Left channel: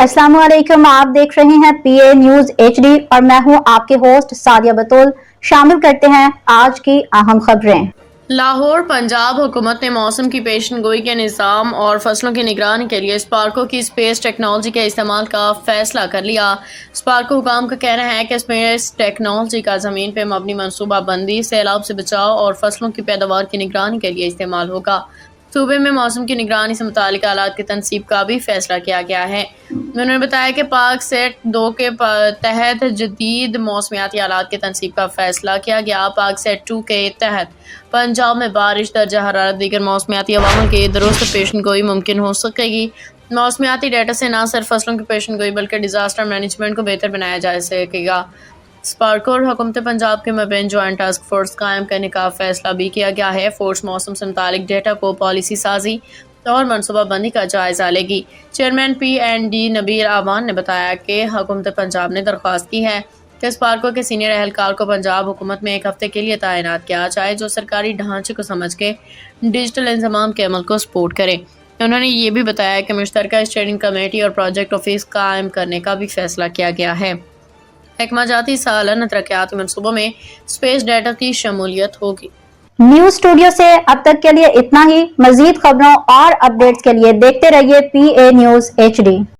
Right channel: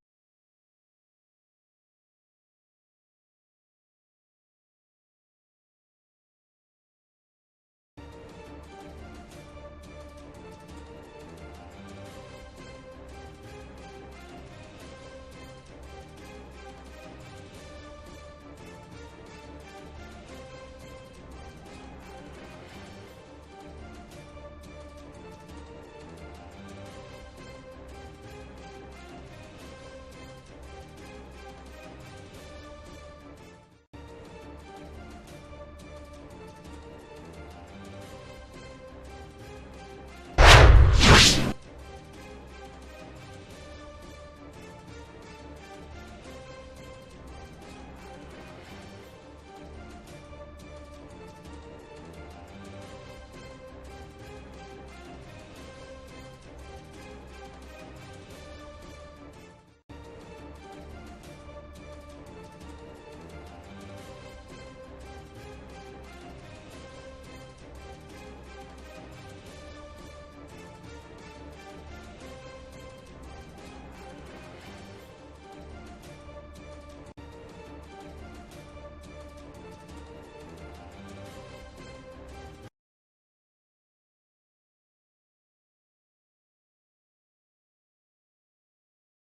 अस्सलाम वालेकुम, आप देख रहे हैं पीए न्यूज एचडी और मैं हूं आपके होस्ट सादिया बतूल। शामिल करते हैं आज की अहम खबरें। लाहौर पंजाब हुकूमत ने मौसम की पेशन गोई के निज़ाम और फसलों की निगरानी के लिए स्पार्को की स्पेस टेक्नोलॉजी के इस्तेमाल का फैसला कर लिया। स्पार्को हुकाम का कहना है कि स्पेस टेक्नोलॉजी का ज़मीन पर मबनी मनसूबा बंदी, सैलाब से बचाव और फसलों की पैदावार की निगरानी के लिए इस्तेमाल होगा। सूबे में मौसम की निगरानी से मुतालिक आलात की तनसीब का भी फैसला किया गया है। उन्होंने बताया कि पाक सेट 2 के तहत जदीद मौसमियाती आलात की तनसीब का फैसला किया गया। पाक सेट 2 के तहत पंजाब में बारिश, दर्जा हरारत, दीगर मौसमियाती अवामिल की दुरुस्त पेशन गोई मुमकिन हो सकेगी। मौसमियाती डेटा से न सिर्फ फसलों की पेशन गोई बल्कि डिजास्टर मैनेजमेंट को बेहतर बनाया जा सकेगा। स्पार्को और हुकूमत पंजाब के मबैन जॉइंट टास्क फोर्स कायम करने का फैसला भी किया गया है। फोर्स मौसम से मुतालिक डेटा को पॉलिसी साजी और मनसूबा बंदी का जायजा लेगी। चेयरमैन PND नबीर आवान ने बताया कि हुकूमत पंजाब ने दरख्वास्त की है कि स्पार्को के सीनियर एहलकार को पंजाब हुकूमत में 1 हफ्ते के लिए तैनात किया जाए, जो सरकारी ढांचे को समझ के डिजिटल इंतजाम के अमल को सपोर्ट करे। उन्होंने ये भी बताया कि मुश्तरका स्टेयरिंग कमेटी और प्रोजेक्ट ऑफिस कायम करने का भी फैसला किया गया है। महकमा जाती सालाना तरक्याती मनसूबों में स्पेस डेटा की शमूलियत होगी। न्यूज स्टूडियो से अब तक के लिए इतना ही। मजीद खबरों और अपडेट्स के लिए देखते रहिए पीए न्यूज HD।